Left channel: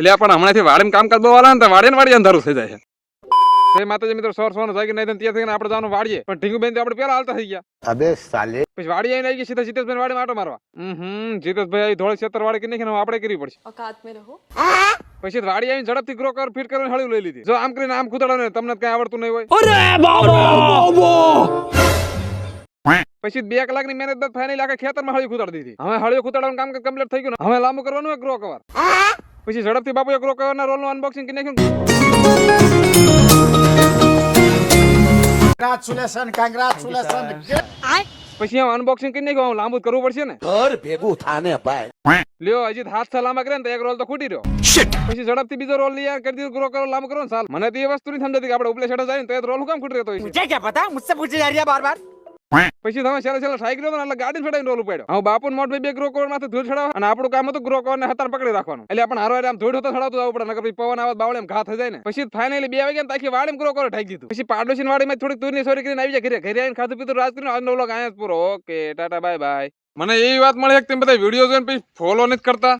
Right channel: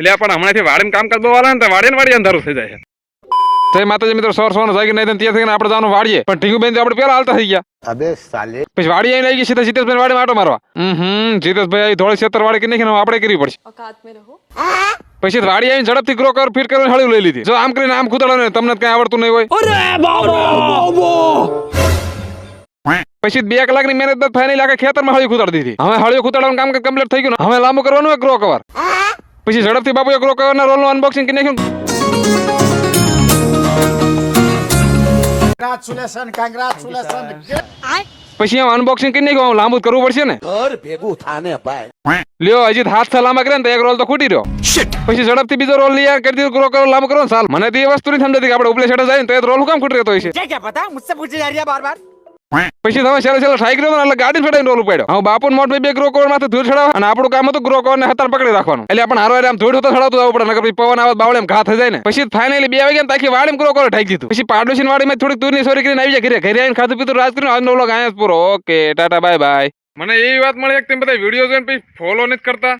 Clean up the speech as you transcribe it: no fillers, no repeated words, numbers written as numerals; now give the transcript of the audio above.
એટલે પણ હમણાંથી વાડીને કામકાજ બહુ વાળા ને વાડી અંધારું થઈ જાય છે. તો માતાજી મિત્રો સોર જાગી નહીં ત્યાં થઈને આપણે જવાનું વાડીએ પણ ટીંગુબેન આપણે પેલા હાલતા થઈ ગયા. અબે સાલે પછી વાડી આવી લઈ ગઈ સીધા જીતેશભાઈ વાડી માટો મારવા. જીતેશભાઈ થોડી ક્ષેત્ર વાડી કે નહીં આપણે કરવી પડશે. औकात में रहो. પછી વાડી આવીને ઝડપથી ગ્રો કર ફીર કરીને હળી લઈ લીધી. જો આમ કરીને આમ કૂદાડો ને તમને કઈ આવડતું નહીં હોય. પછી 2 કલાકની મહેનત બાદ ફાઇનલી આખા ખેતરમાં હળી કૂદાડી દીધી. હવે હળી કૂદાડવાનું કામ કમ્પ્લીટ થઈ ગયું ને હવે લાંબુ કરવાનું ગ્રો કવર. પછી ઝડપથી બાપુએ ગ્રો કવરના રોલનું અનબોક્સિંગ કરી નાખ્યું. Congratulations. પછી અનબોક્સિંગ કરી નાખ્યું. લાંબુ કરવું પડશે ને ઘર ભેગું થાને ભાઈ. લ્યો હજી હાથ સલામા કરે ને તો એક રોલ તો ખૂટી રહ્યો. પછી ઝડપથી બીજો રોલ લઈ કરી દીધો ગ્રો કરો લાંબુ કરો સાલ. મને તો એ વસ્તુ નહીં સમજાતી કે આપણે ઉપલે છેડે જાય ને તો એ રોલ કામ ખૂટી રહેતો હોય છે. क्या पता मुझसे पूछे जा रही है बार बार. પછી તમે છેલ્લે ટ્રાય કર્યો એટલે ગાડી ફેડાઈને રોલ ઉપાડ્યો. હવે બાપુ મોટ બે ગ્રો કવર માંથી ધૂળ ચડાવવા અને આપણું કામ હતું ગ્રો કવર ને હતાર પકડી રાખવાનું. એટલે આપણે હારો આમ ધૂળ તો ચડાવતું આવવું પડે નકર પછી પવન આવત બાવળે ઘા થઈ જાય ને. પછી ફાઇનલી 2 વાગ્યા તાકી વાડીમાં ગ્રો કવર ઠાકી દીધું. પછી પાડોશી વાડીમાં થોડીક દૂરની સોરી કરીને આવી જાય ઘરે આવીને ખાધું પીધું રાત કરીને આજનો વ્લોગ અહીંયા જ પૂરો. Okay tata bye bye. મને એવી વાત મળી કે તમે બધા વિડીયો જોઈને પછી ફોલો નથી કરતા.